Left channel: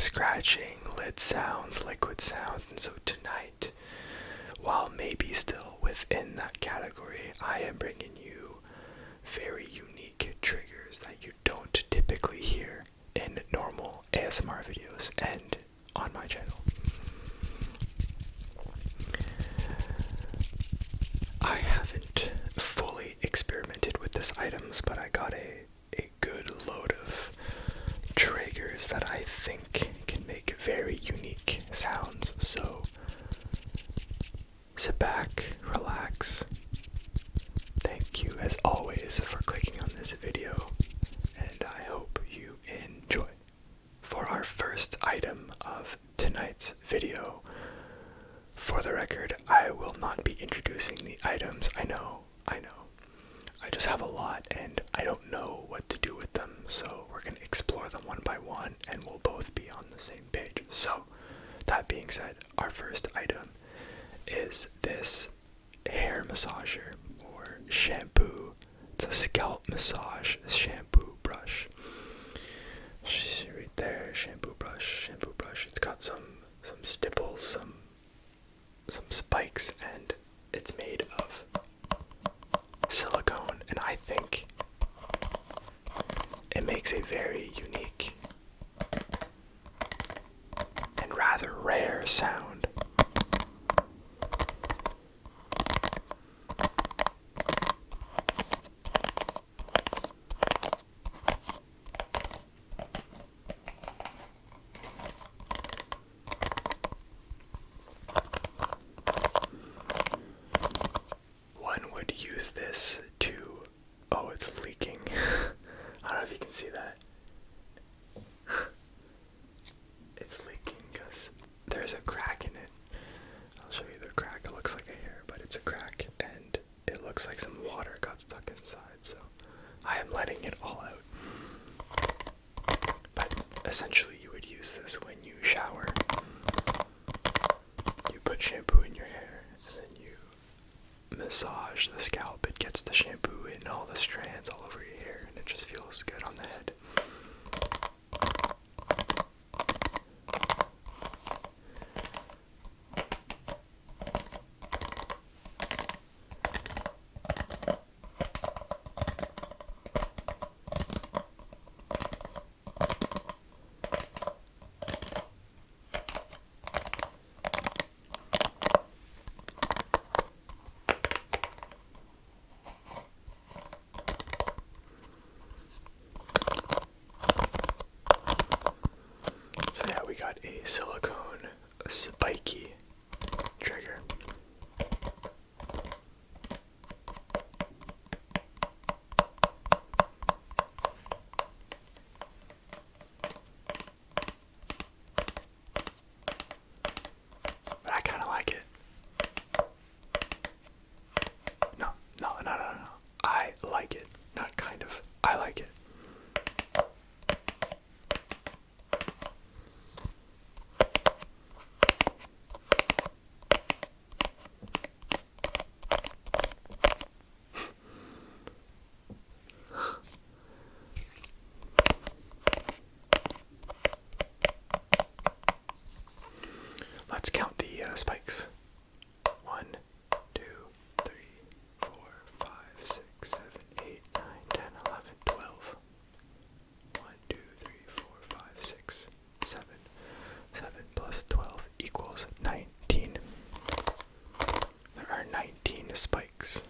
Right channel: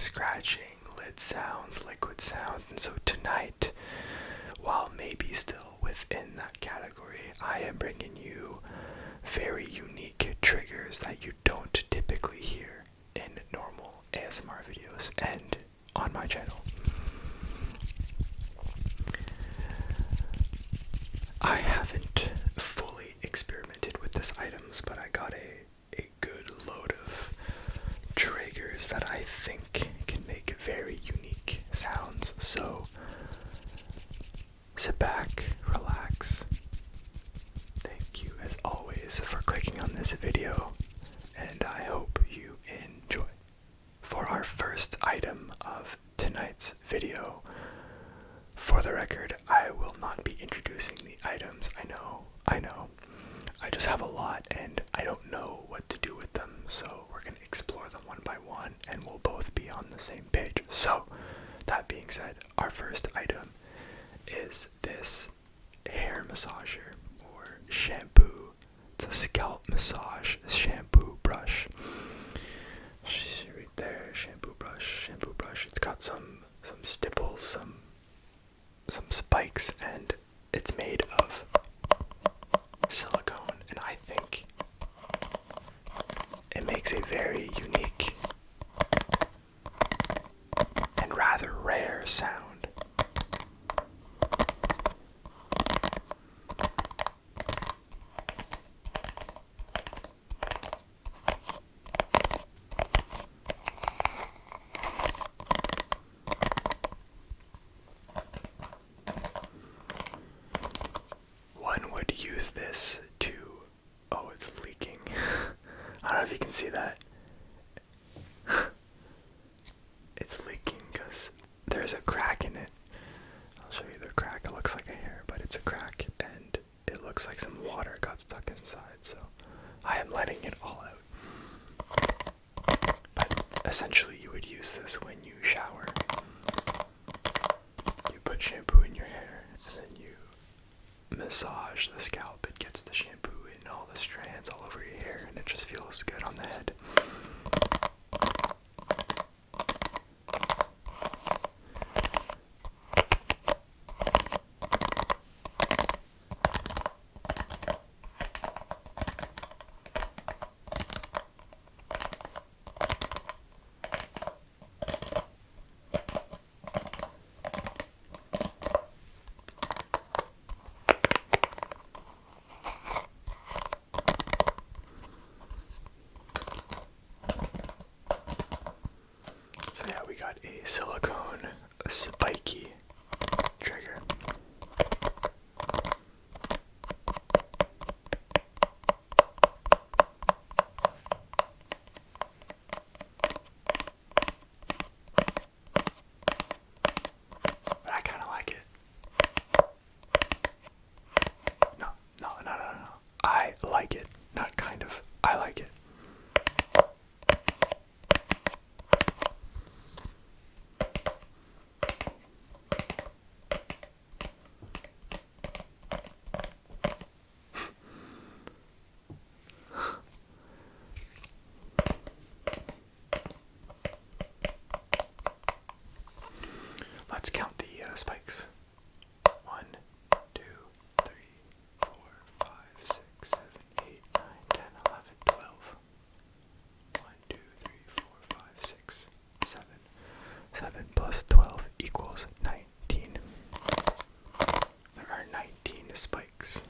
scratching, lid sounds, liquid sounds, and so tonight, while maybe still within that category, I am bringing you very unique triggers that you don't typically hear in normal ASMR videos and on my channel. I haven't fully experimented with these items, but I got a good load of triggers that I think can make very unique sounds. So sit back, relax. Thank you as always for clicking on this video, and I hope you enjoy. For our first item of tonight's video, for the record, I will not be introducing the items. I know. I just have a lot and I don't know what to do with them, so we're going to explore them one by one and we'll both be on the same page. So, that being said, our first item is this hair massager or shampoo. It's a scalp massage shampoo brush. Right there, shampoo brush. It's got some stipples, some spikes, and it's made of silicone, and I think it makes a very unique and rather rare sound. One would use this to, oh, it's leaking. I don't know if you can see that. It's leaking because there's a crack in it. I'll show you the crack. It looks like a hair, but it's a crack, and it looks like some water got stuck inside, so I am letting it all out. But essentially you would use this when you shower. You put shampoo in your hair, and then you massage the scalp. It gets the shampoo in all the strands all over your hair, and it just feels good on the head. So yeah, we got a silicone, a spiky trigger. But I kind of like it. No. I like it. Not kind of. I like it. Let's count the spikes. 1, 2, 3, 4, 5, 6, 7, 8, 9, 10, 11, 12. 1, 2, 3, 4, 5, 6, 7. 7 plus 12 equals 19. There are 19 spikes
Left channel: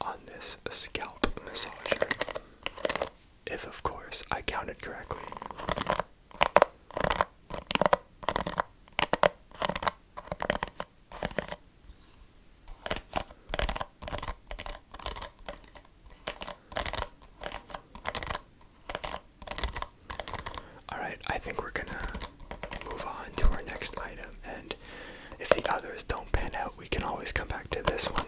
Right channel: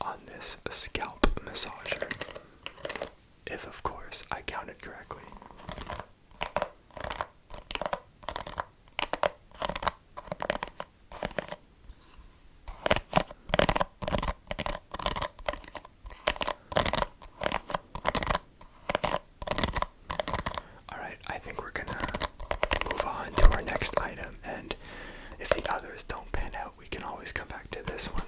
on this scalp massager. If, of course, I counted correctly. I think we're gonna move on to our next item, and if the others don't pan out, we can always come back to this one.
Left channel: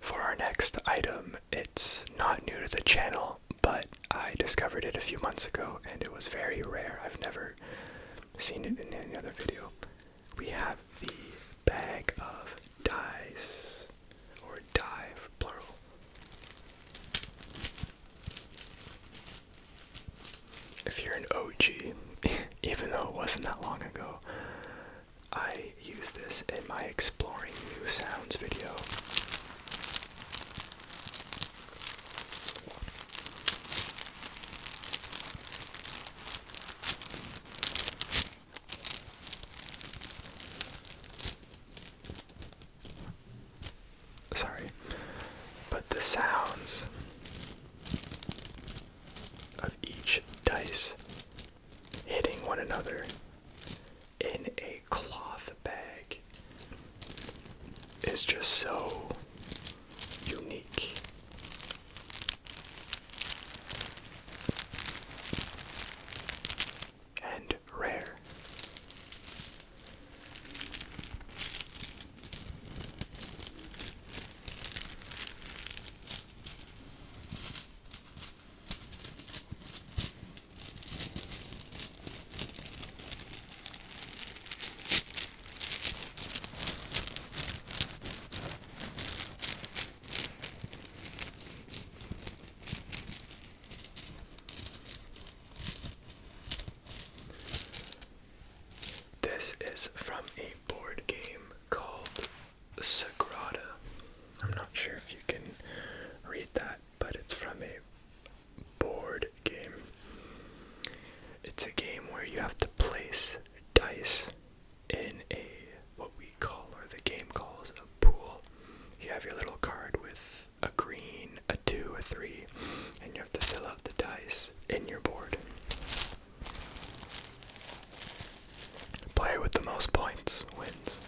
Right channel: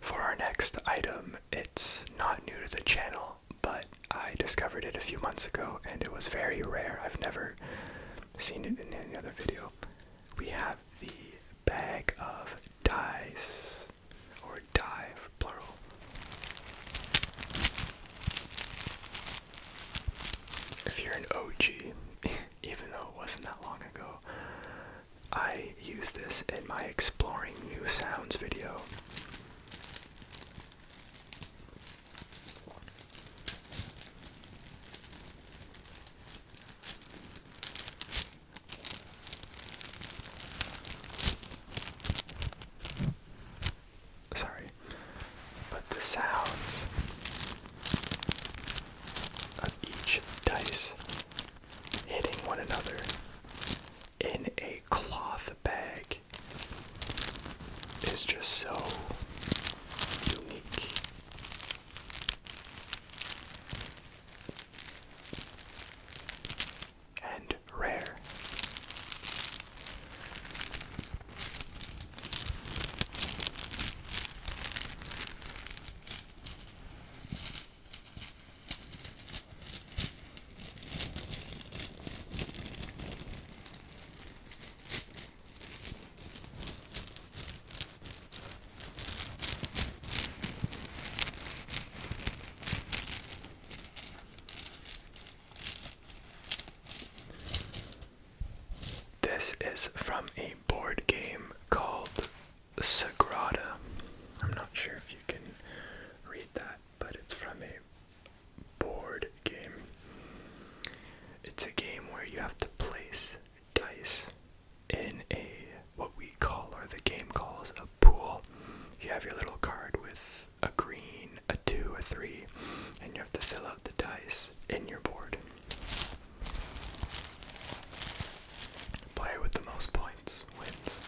For our next item, it's not new to the channel, I discovered it a few months ago, and it was very rare. I've never seen it in any other video. We have the bag of dice, or dye, plural. If you're an OG, even though it wasn't that long ago, I used this in my exploring new sounds video. Sorry, but the sounds of each dice hitting one another in a cloth bag is just so unique. And rare. This is from a board game called Sagrada. I'm not sure if you can read that, but it's from a board game. It's a game where you have to place dice in what we call, or the game calls, a pool. You have your little card with a green, a 2, a 3, and you have to fill out the dice in your board. Player with the most points wins.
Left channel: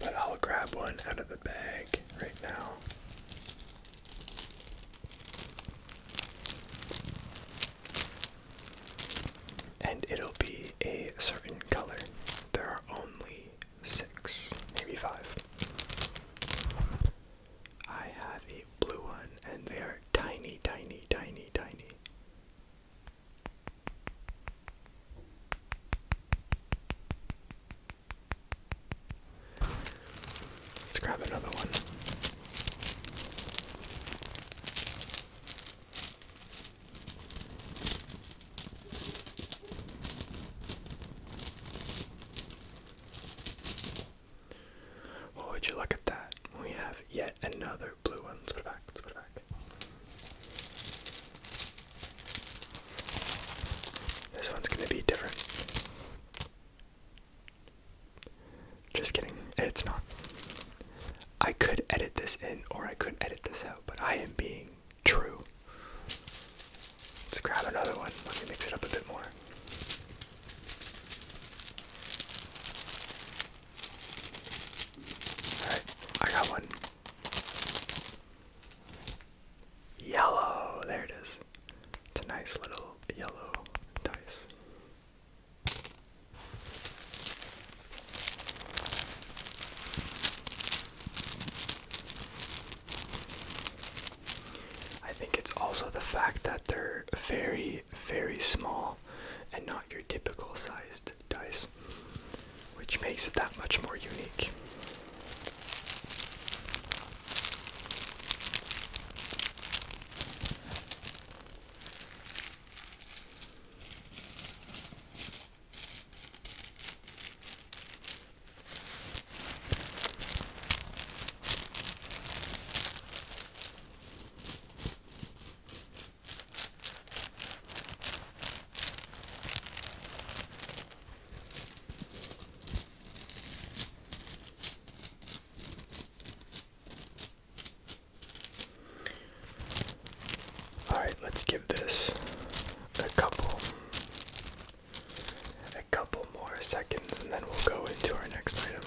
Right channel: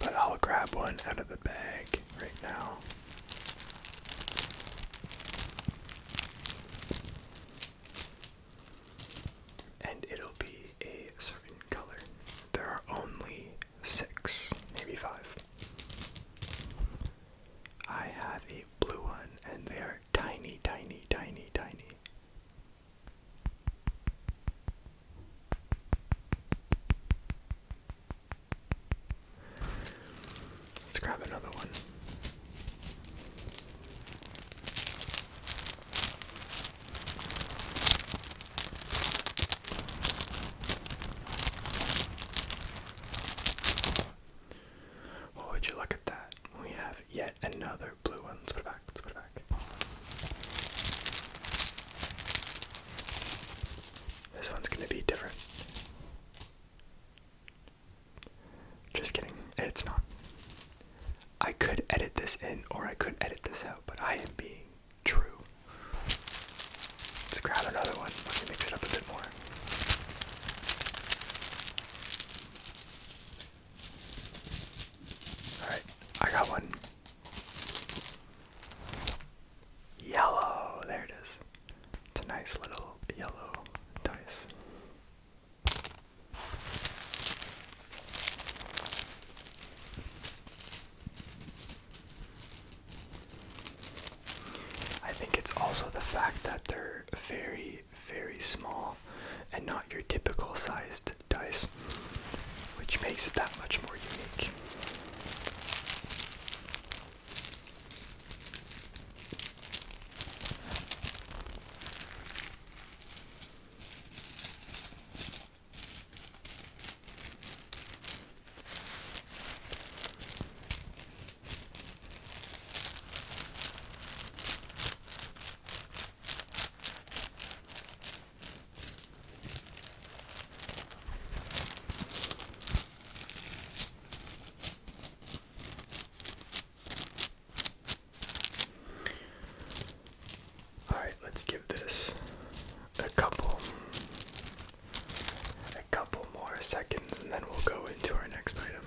But I'll grab one out of the bag right now. And it'll be a certain color. There are only 6, maybe 5. I have a blue one, and they are tiny, tiny, tiny, tiny. Let's grab another one. Well, would you look at that? We have yet another blue one. Let's put it back. Let's put it back. This one's gonna be different. Just kidding. It's not. I could edit this in, or I could edit this out, but I am being true. Let's grab another one. Let me mix it up a bit more. Alright, I got one. Yellow. There it is. It's a nice little yellow dice. I think it's also the fact that they're very, very small and not your typical sized dice, which makes it that much more unique. Alright, let's give this a couple more seconds, and then we'll go into our next item.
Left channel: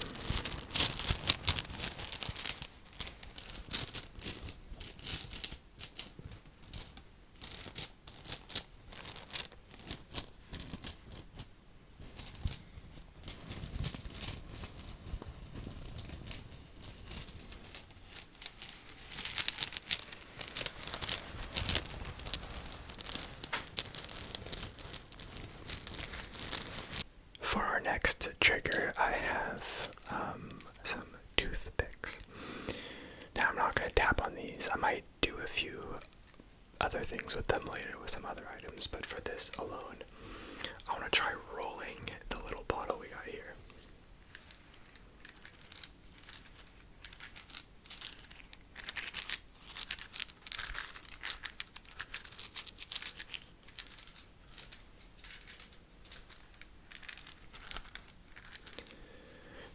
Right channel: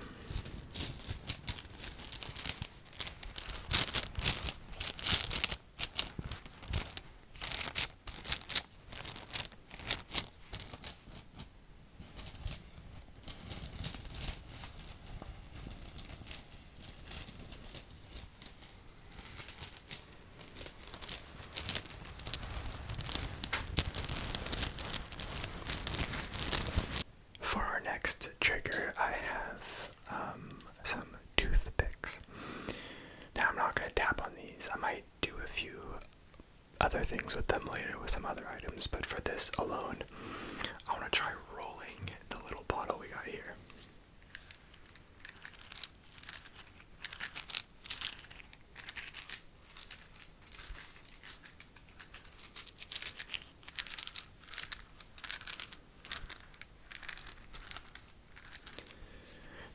these. I might do a few other things with them later with some other items, but for this alone, I want to try rolling the little bottle we got here.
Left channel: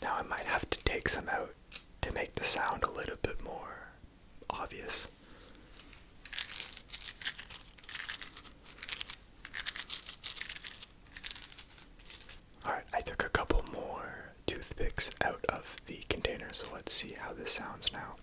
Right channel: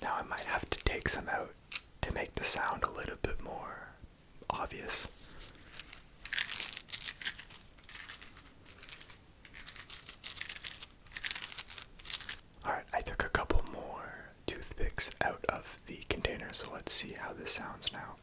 Now I might have to take some out to make the sound a little bit more obvious. Alright, I took a couple more toothpicks out of the container, so let's see how this sounds now.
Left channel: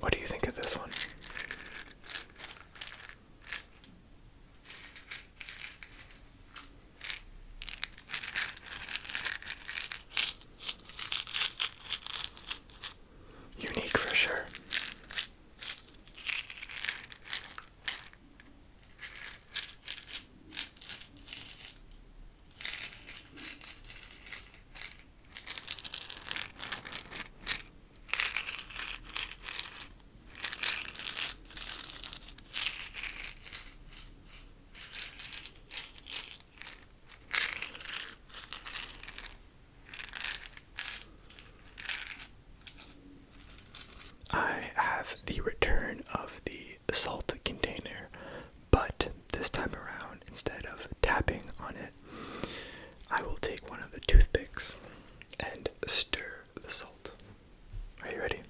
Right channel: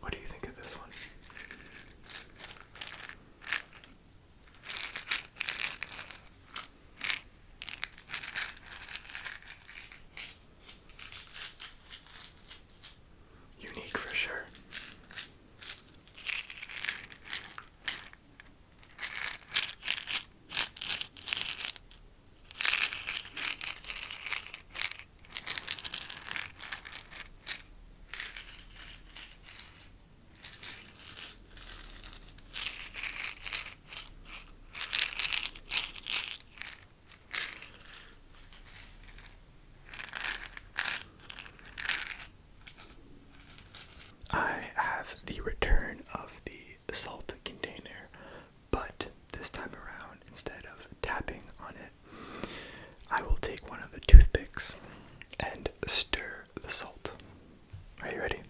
What do you think of this one? Unique for sure. I have the return of the salt container, but this time around, instead of tapping on it, I will take one of the toothpicks and stir the salt. Are you ready?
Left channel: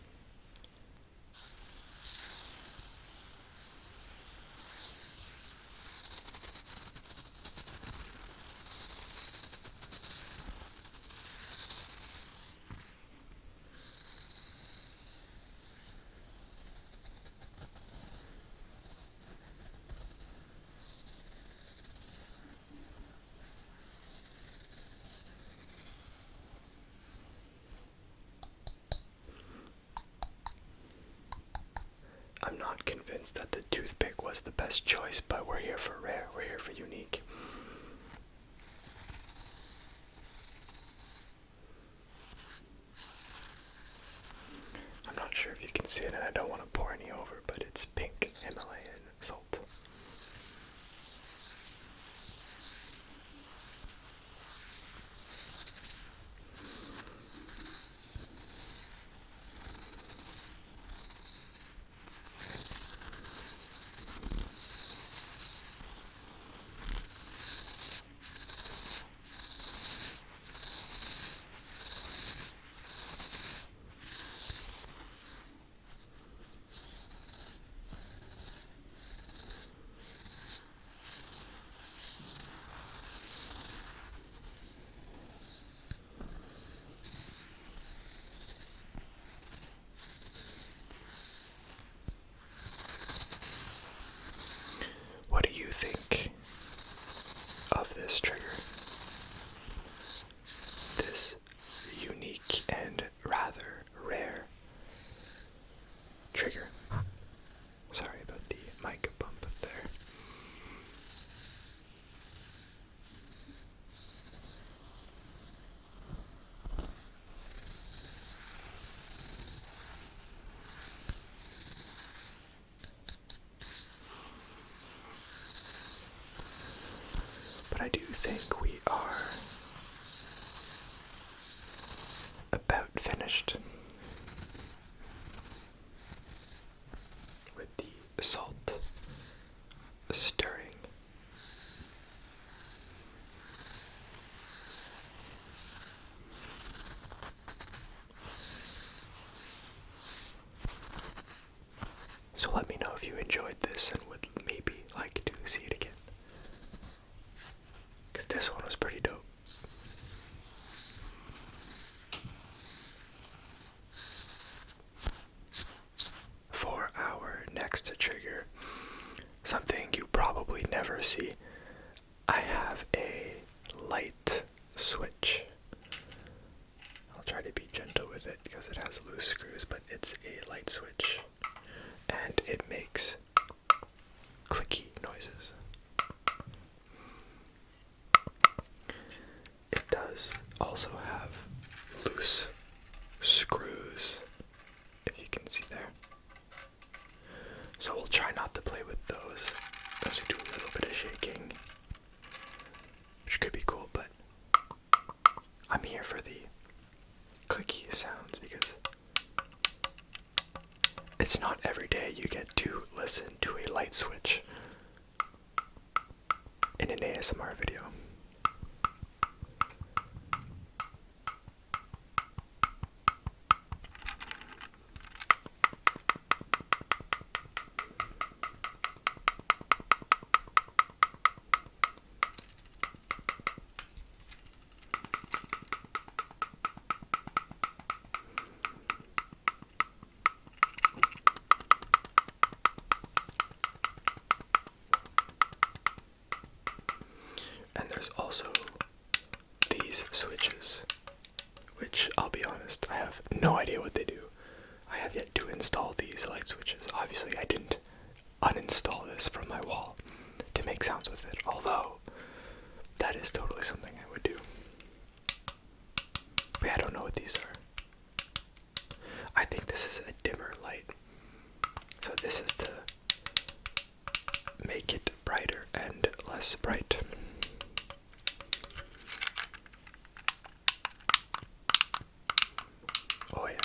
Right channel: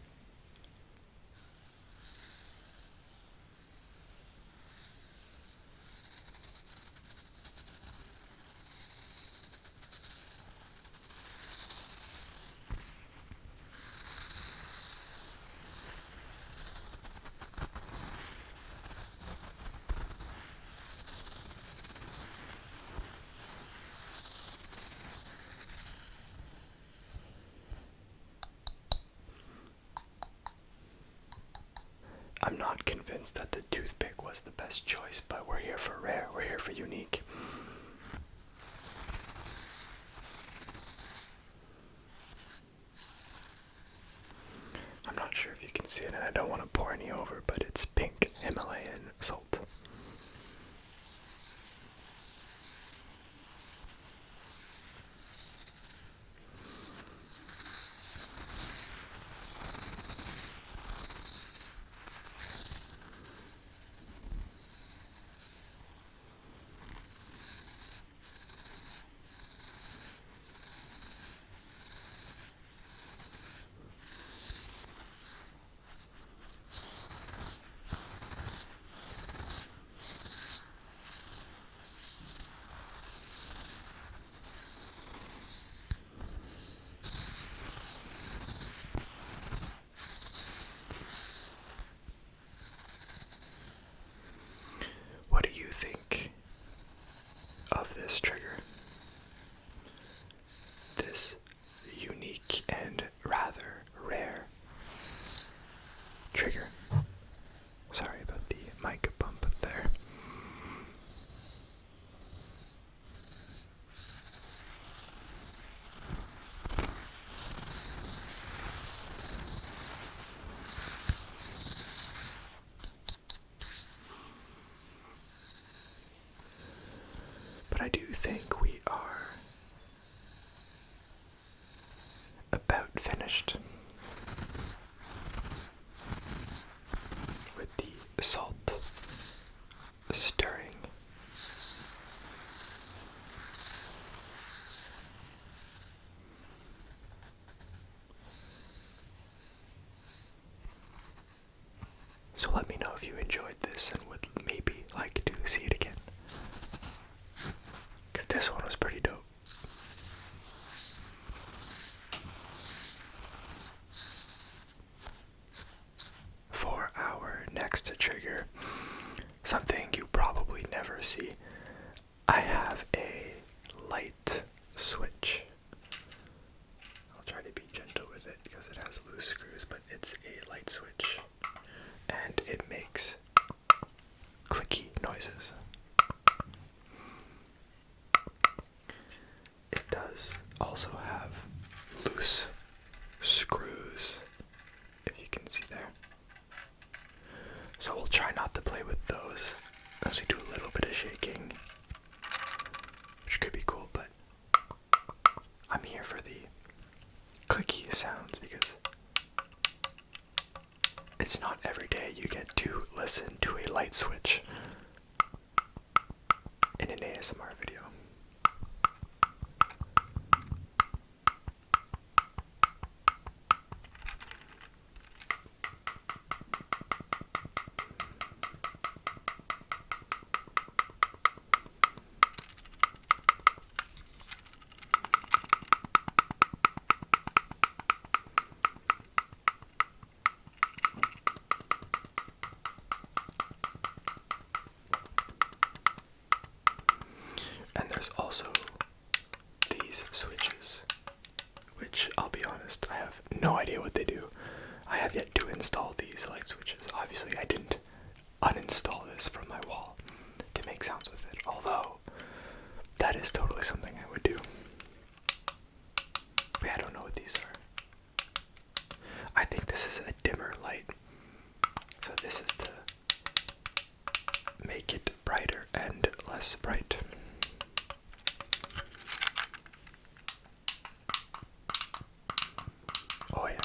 I'm not convinced that the toothpick was the best choice, but we're here for rare, we're here for unique. I'm not sure if you can see it, and I don't want to pour any over, but it's pink Himalayan salt. you enjoyed this and would maybe like to see it again. Because this one was pretty dope. For our next trigger, something you probably never see, I have a light switch. I'll try to be gentle with it because it has loose screws, but it's a light switch and it makes clicky noises. It does also have loose screws, if you can see there. So we'll try not to play with those as we do a little bit of shaking, which could be cool, but I'm here for the clicky sounds because it's not every day you get to listen to a light switch in an ASMR video. And there's also these switches, which I'll be honest, I have no idea what they do. I have yet to install these light switches. Obviously, I didn't uninstall this from my wall to make sounds with it, although that is totally something I would do. But yeah, I don't know what these are. I think this is a dimmer light. So this is to make it brighter and less bright. Oh yeah.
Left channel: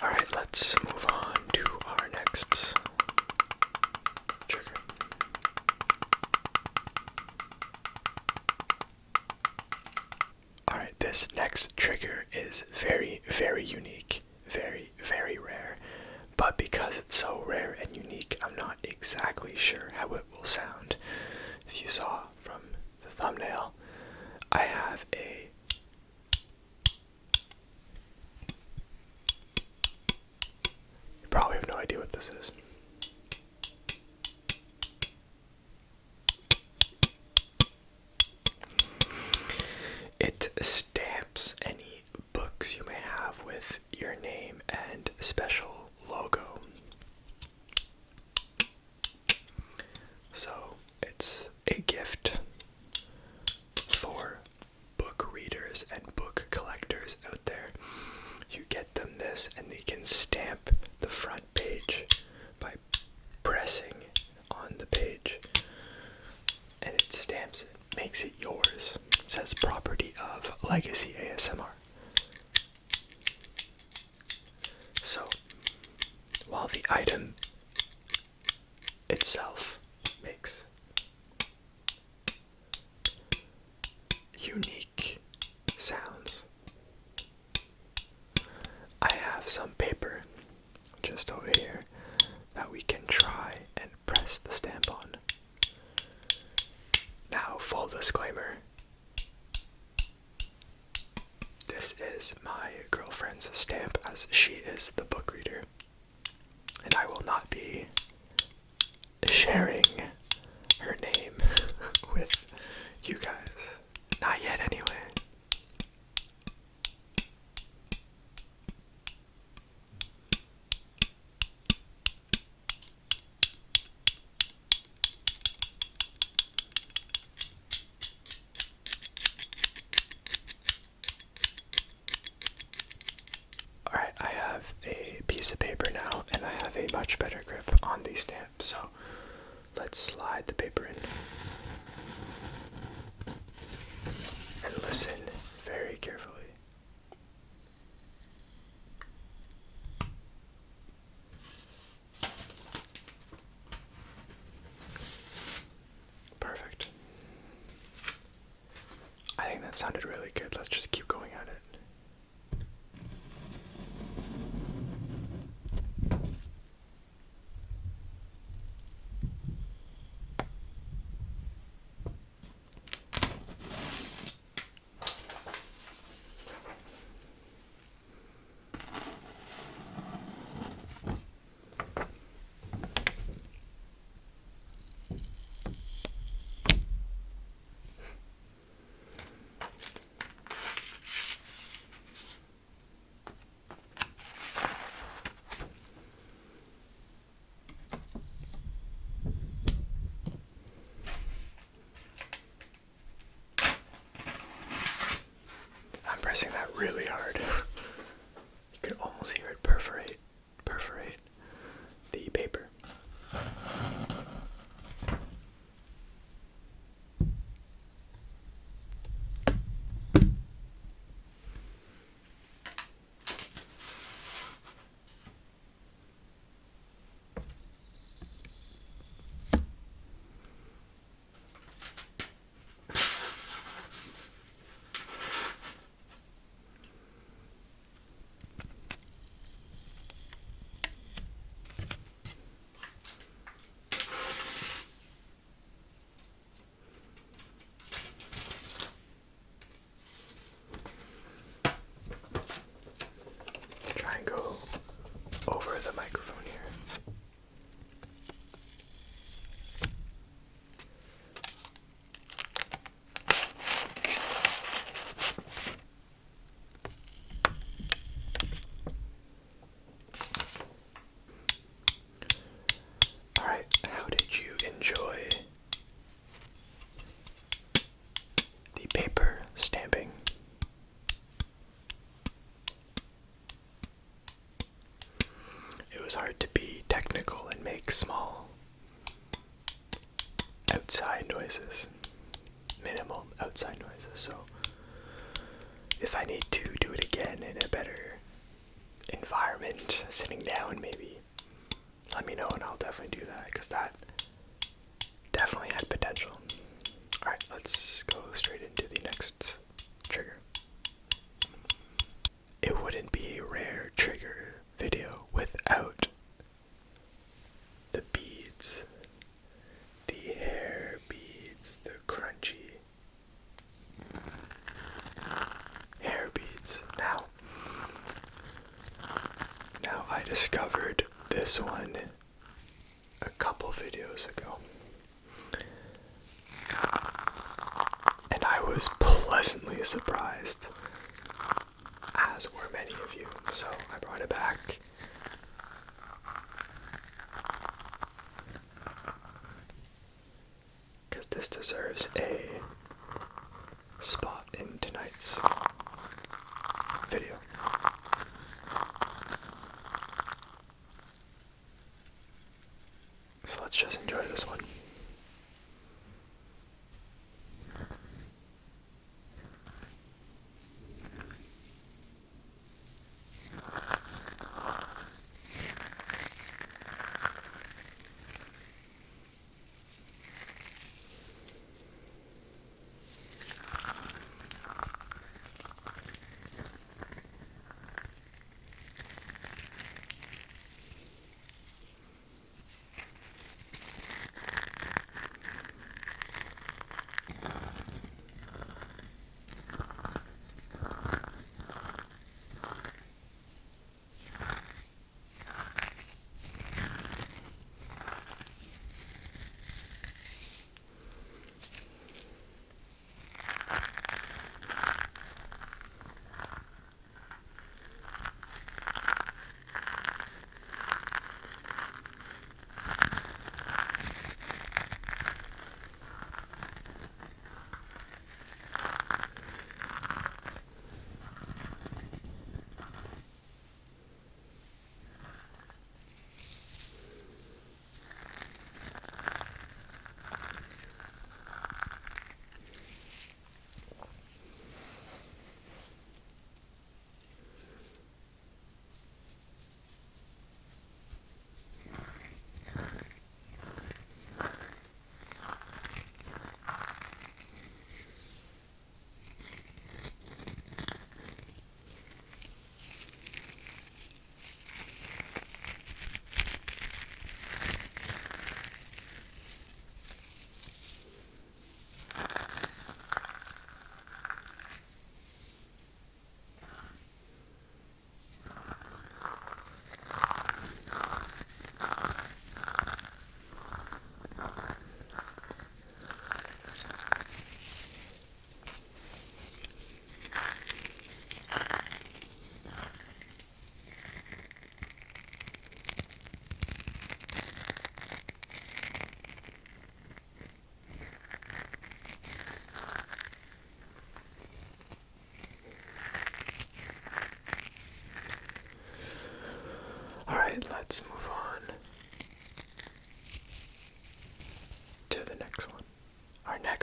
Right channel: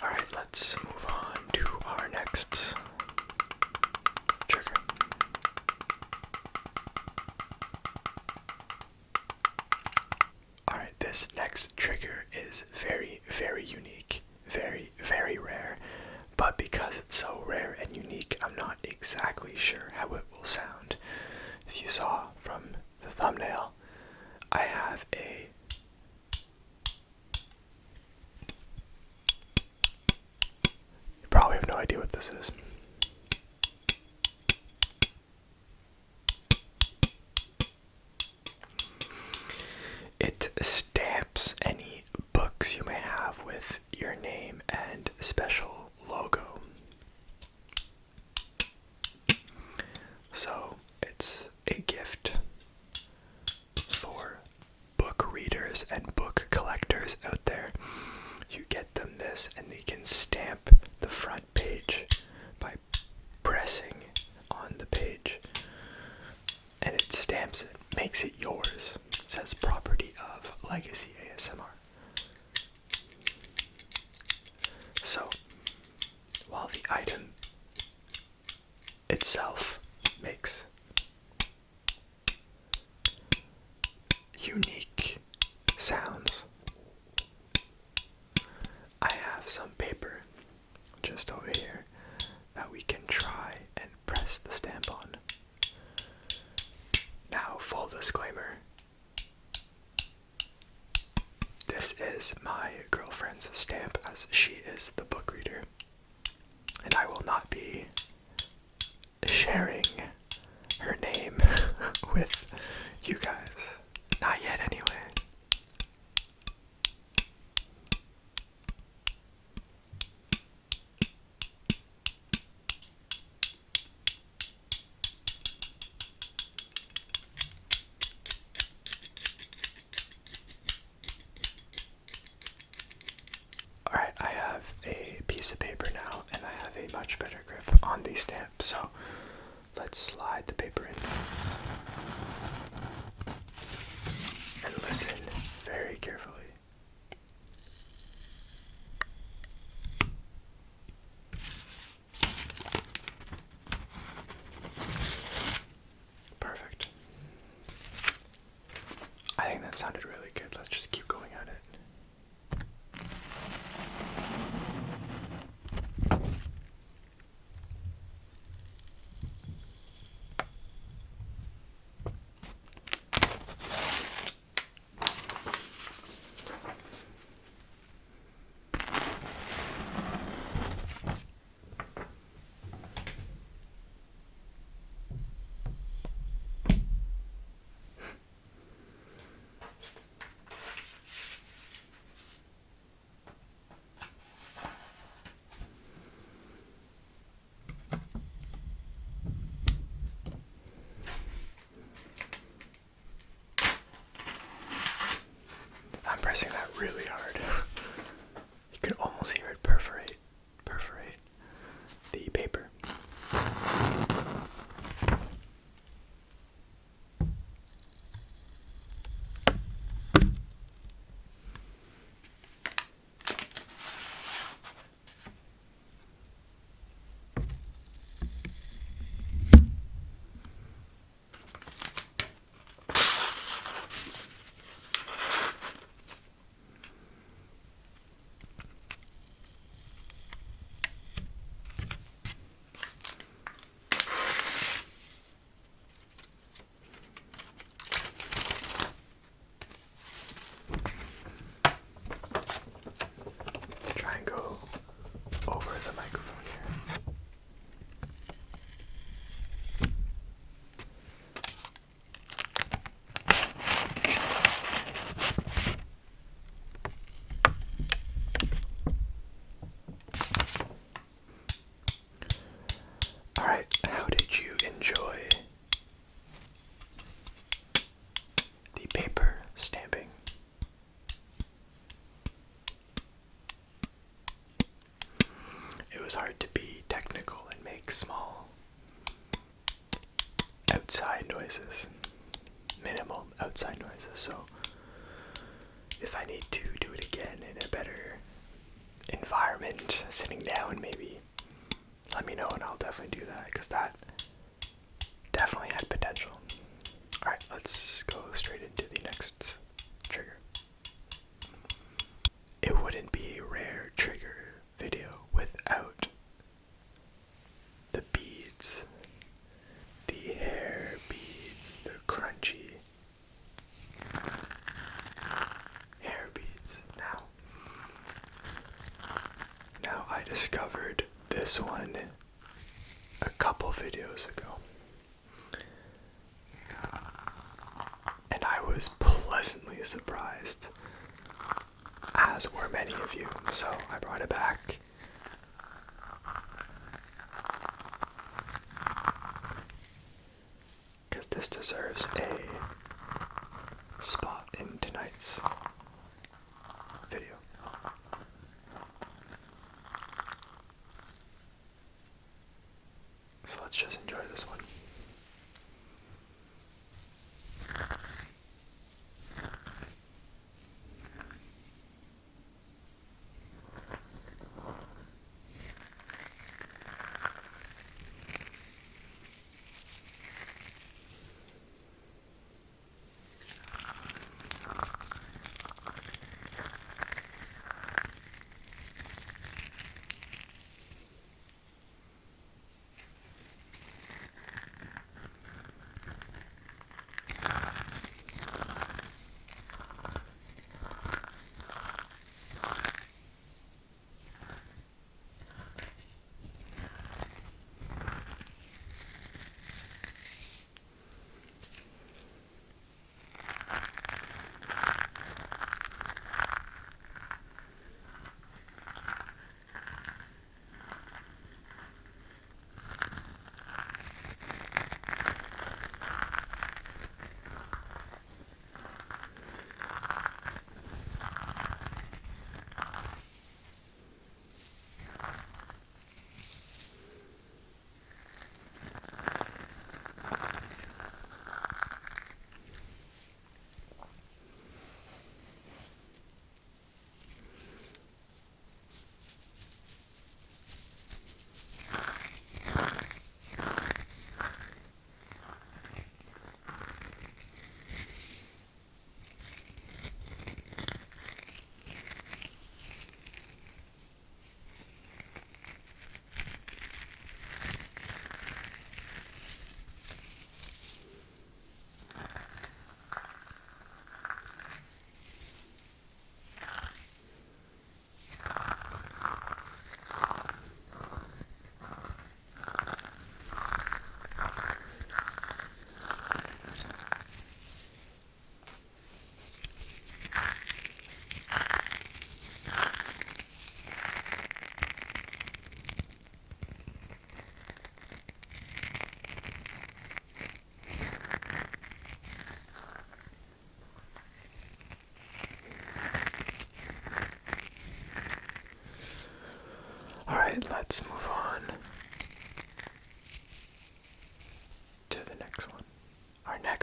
Alright, let's move on to our next trigger. Alright, this next trigger is very, very unique, very, very rare, but because it's so rare and unique, I'm not exactly sure how it will sound. If you saw from the thumbnail, I have a probably have no idea what this is. It stamps any books you may have with your name and special logo. So it's a gift for book readers and book collectors out there. You get them this and they can stamp the front page by pressing on the page, and it stamps it, makes it yours. It says property of Legacy ASMR. So, while the item itself makes unique sounds, I have some paper just over here that we can try and press the stamp on. Now, full disclaimer, this is my girlfriend's stamp as she is the book reader, and I will not be sharing her name with you guys. Not yet, anyway. Alright, I have a piece of paper now, and I have a much better grip on the stamp, so let's slide the paper in. And listen very carefully. Perfect. I think that sounded really good. Let's just keep going at it. I'm pressing that really hard. You could almost hear it perforate the paper. Try and go over the microphone here. Alright, how did you enjoy the paper stamping? It was hard to be technical and make small outside noises, minimal outside noises, so if I need to do it again in a better environment, sitting down maybe, let me know and I'll definitely do that, because that definitely had potential. Alright, let's go straight into the next trigger. It wouldn't be a rare trigger video without the beads, the hair beads, the crunchy hair beads. Now I discovered this one a couple videos ago, and I was pleasantly surprised, as were many of you, so I brought it back. Because this deserves a spot in tonight's video. So let's just enjoy this one.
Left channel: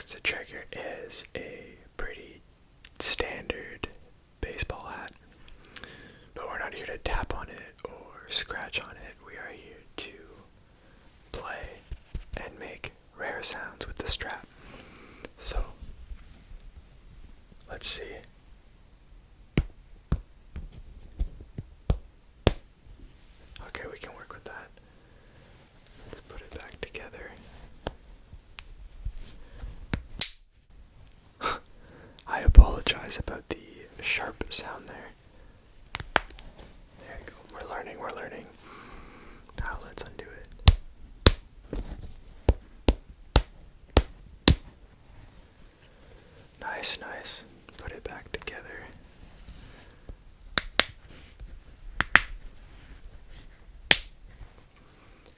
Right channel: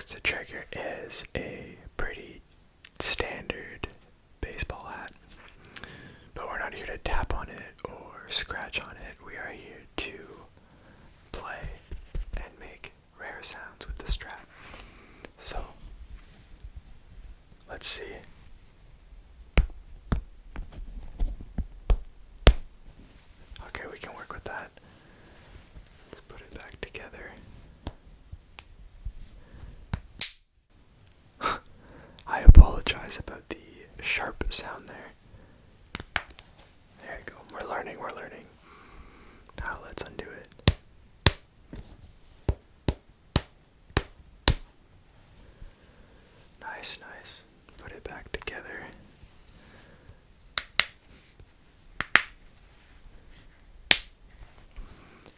next trigger is a pretty standard baseball hat, but we're not here to tap on it or scratch on it. We are here to play and make rare sounds with the strap. So, let's see. Okay, we can work with that. Let's put it back together. I apologize about the sharp sound there. There you go. We're learning. Now let's undo it. Nice. Put it back together.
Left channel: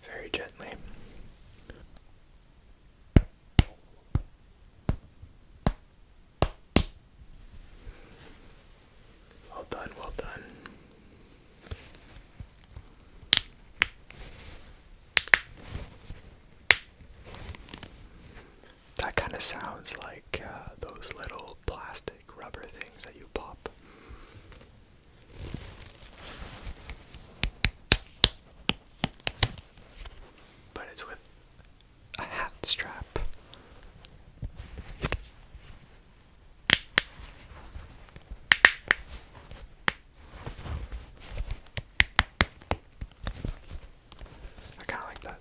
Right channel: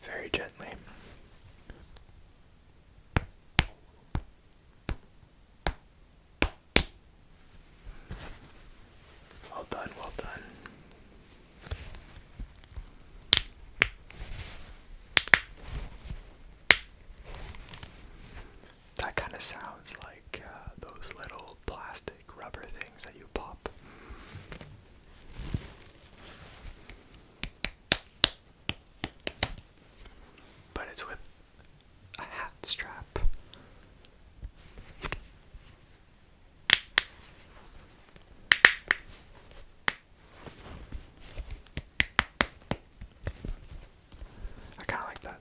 Very gently. Well done. That kind of sounds like those little plastic rubber things that you pop. But it's with a hat strap. I kind of like that.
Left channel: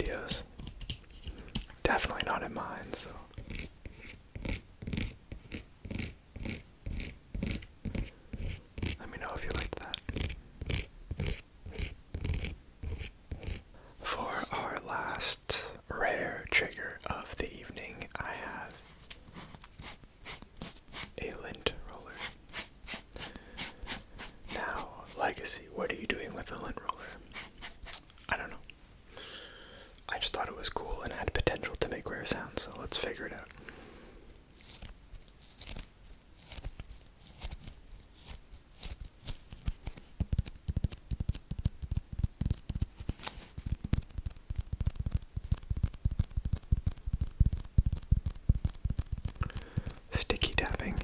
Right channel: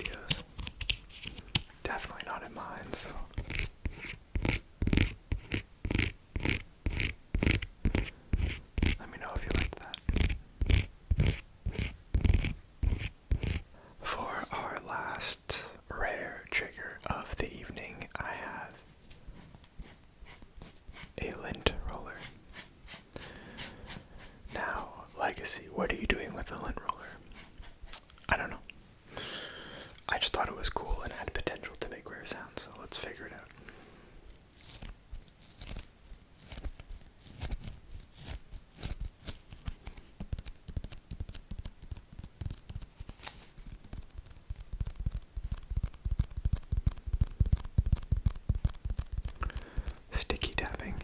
videos. Definitely not in mine, so. Let me know if you like that. For our last rare trigger of the evening, I have a lint roller. Now, Legacy, what are you doing with the lint roller? I don't know. I just thought it was cool and had potential to make rare sounds, so let's figure it out. Sticky tapping.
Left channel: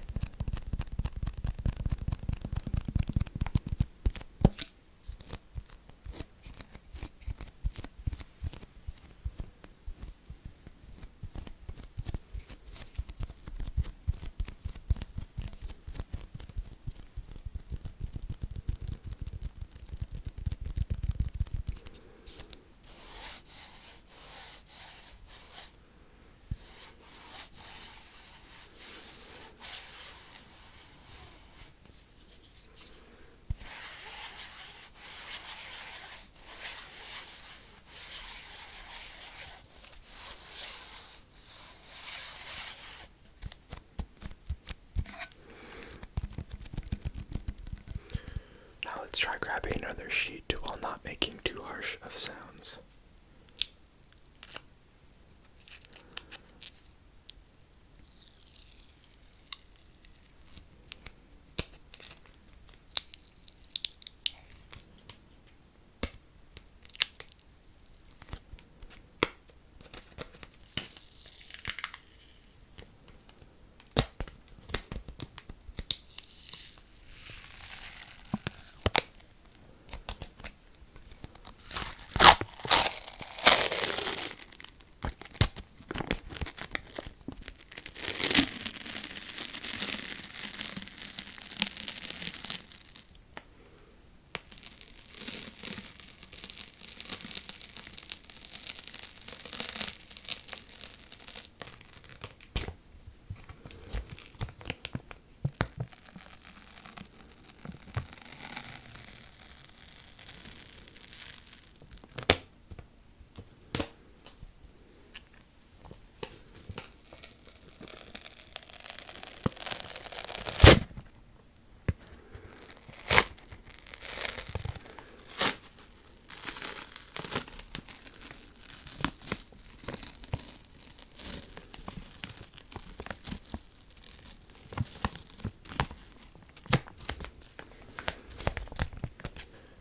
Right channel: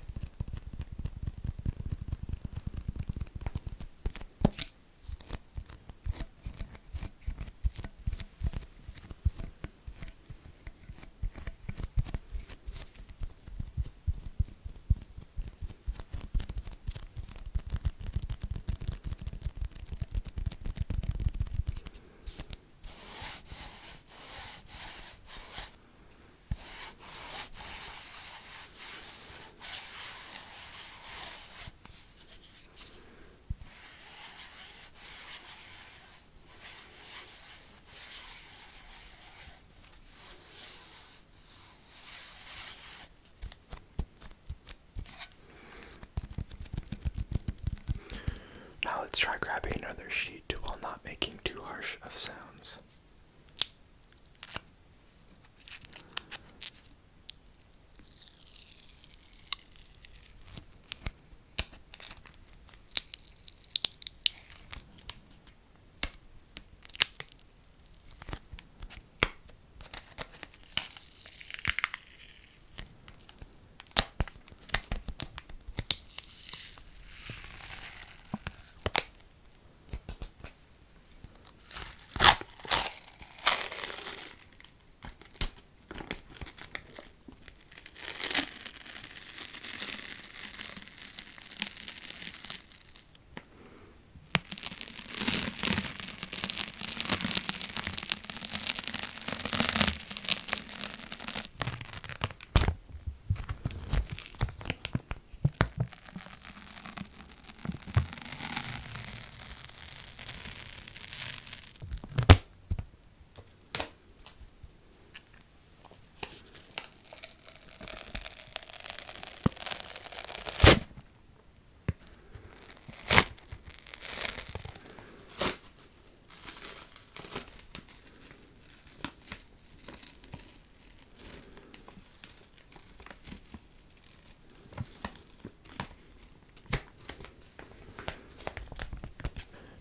Now let's try grabbing another sheet while not making too harsh of sounds.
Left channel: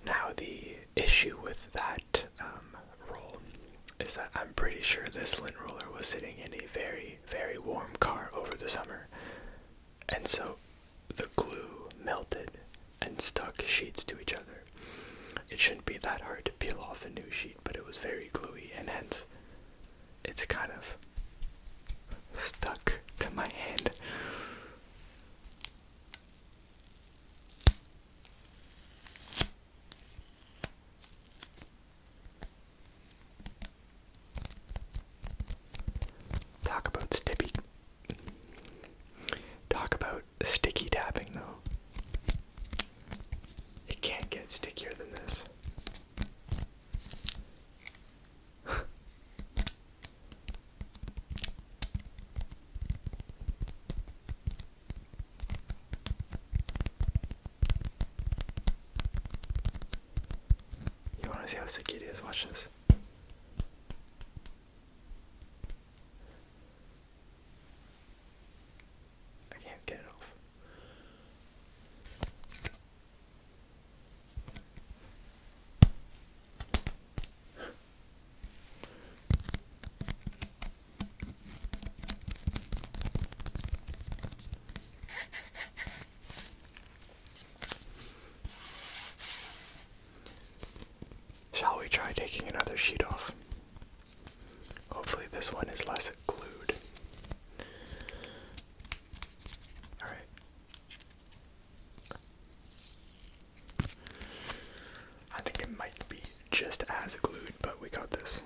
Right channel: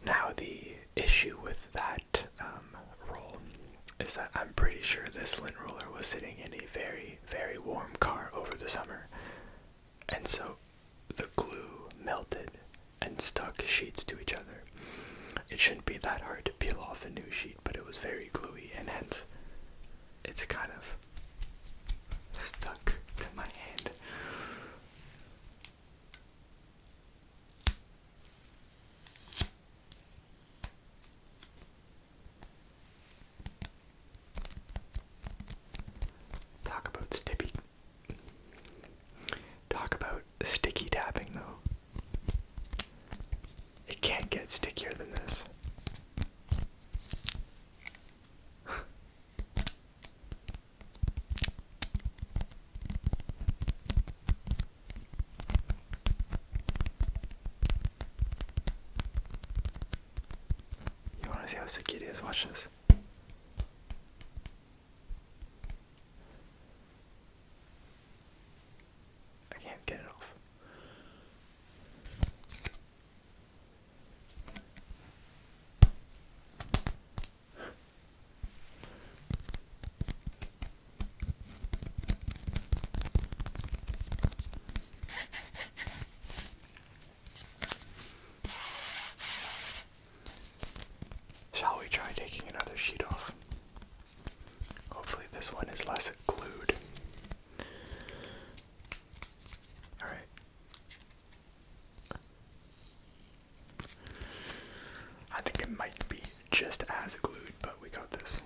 Now the issue with that roll is that I'm pretty sure this lint roller was sitting in a very, very warm car over the summer, and so the glue melted and stuck sheets to each other. It shouldn't be that hard to peel off a new sheet, but it was very gluey, and hence it's kind of stuck to my hand. Talk about sticky tapping, though. It can't get stickier than this. You wanna see how sticky it is? Watch this. I can't get it off. Shall we try taking another sheet off? Hopefully this one is less glued. Alright. I think it might be just as glued, but we got this.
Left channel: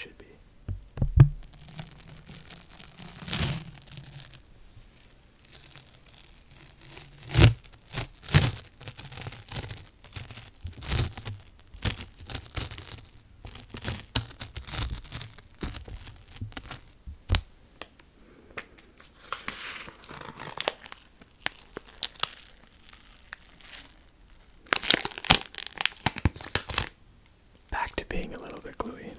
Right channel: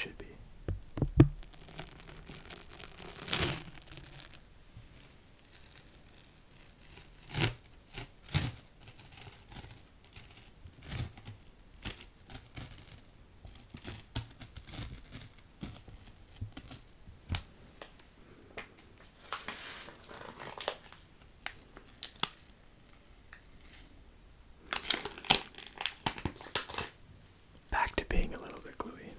should be. Back to being a little bit gluey.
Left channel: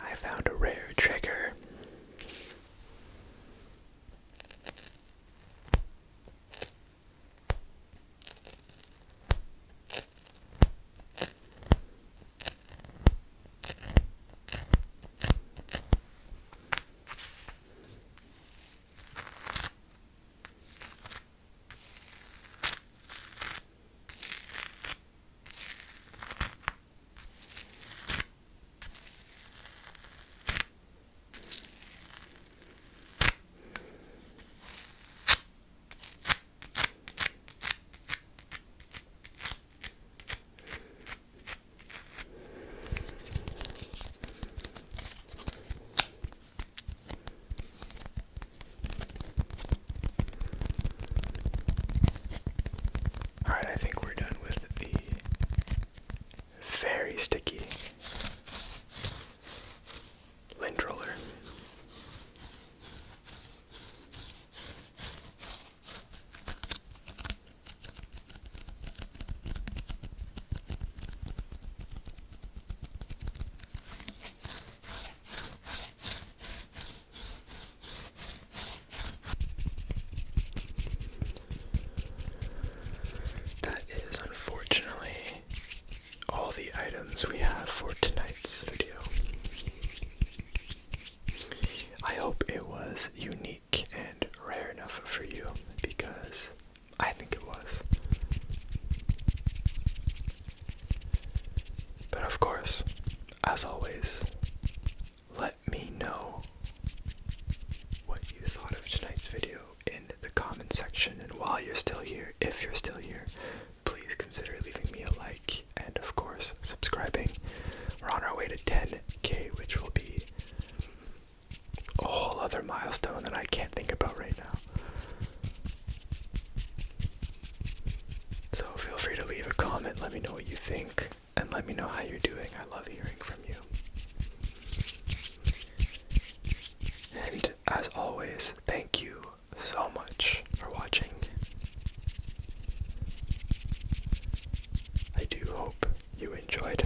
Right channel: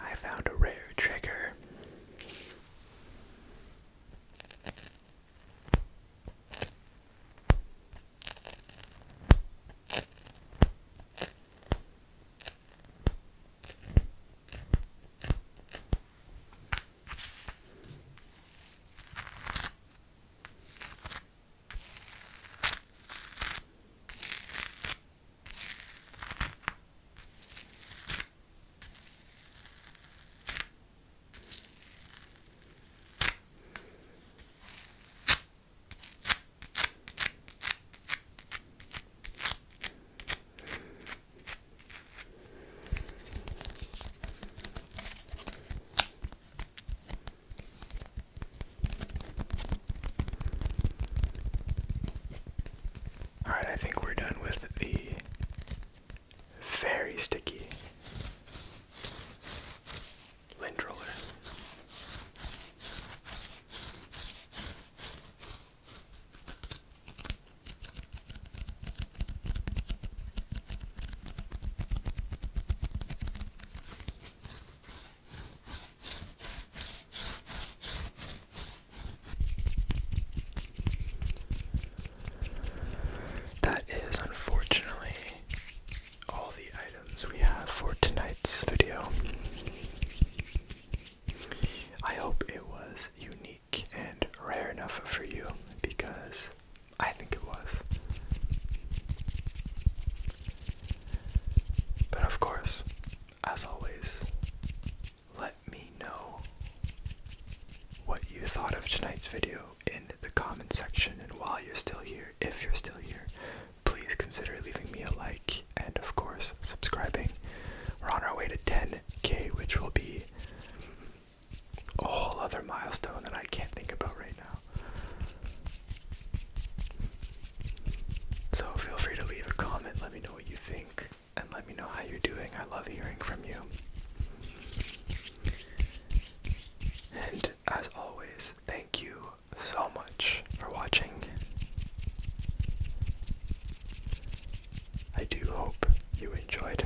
I found a rare trigger. Alright, I think we're done with the very sticky lint roller. That is unfortunately all the items we have for tonight's video. I hope it was unique and rare enough for you, because I think it was. But of course, as always, let me know what you thought of tonight's video in the comment section, and while you're still here, if you're still here, please consider leaving me a like and of course subscribing. We're on our way to 10K, which will be a whole other milestone that I can't think about right now. So feel free to leave a comment, let me know what you think, and let me know how you're doing. I love hearing from you. And as always, thank you so much for watching. I do hope you enjoyed.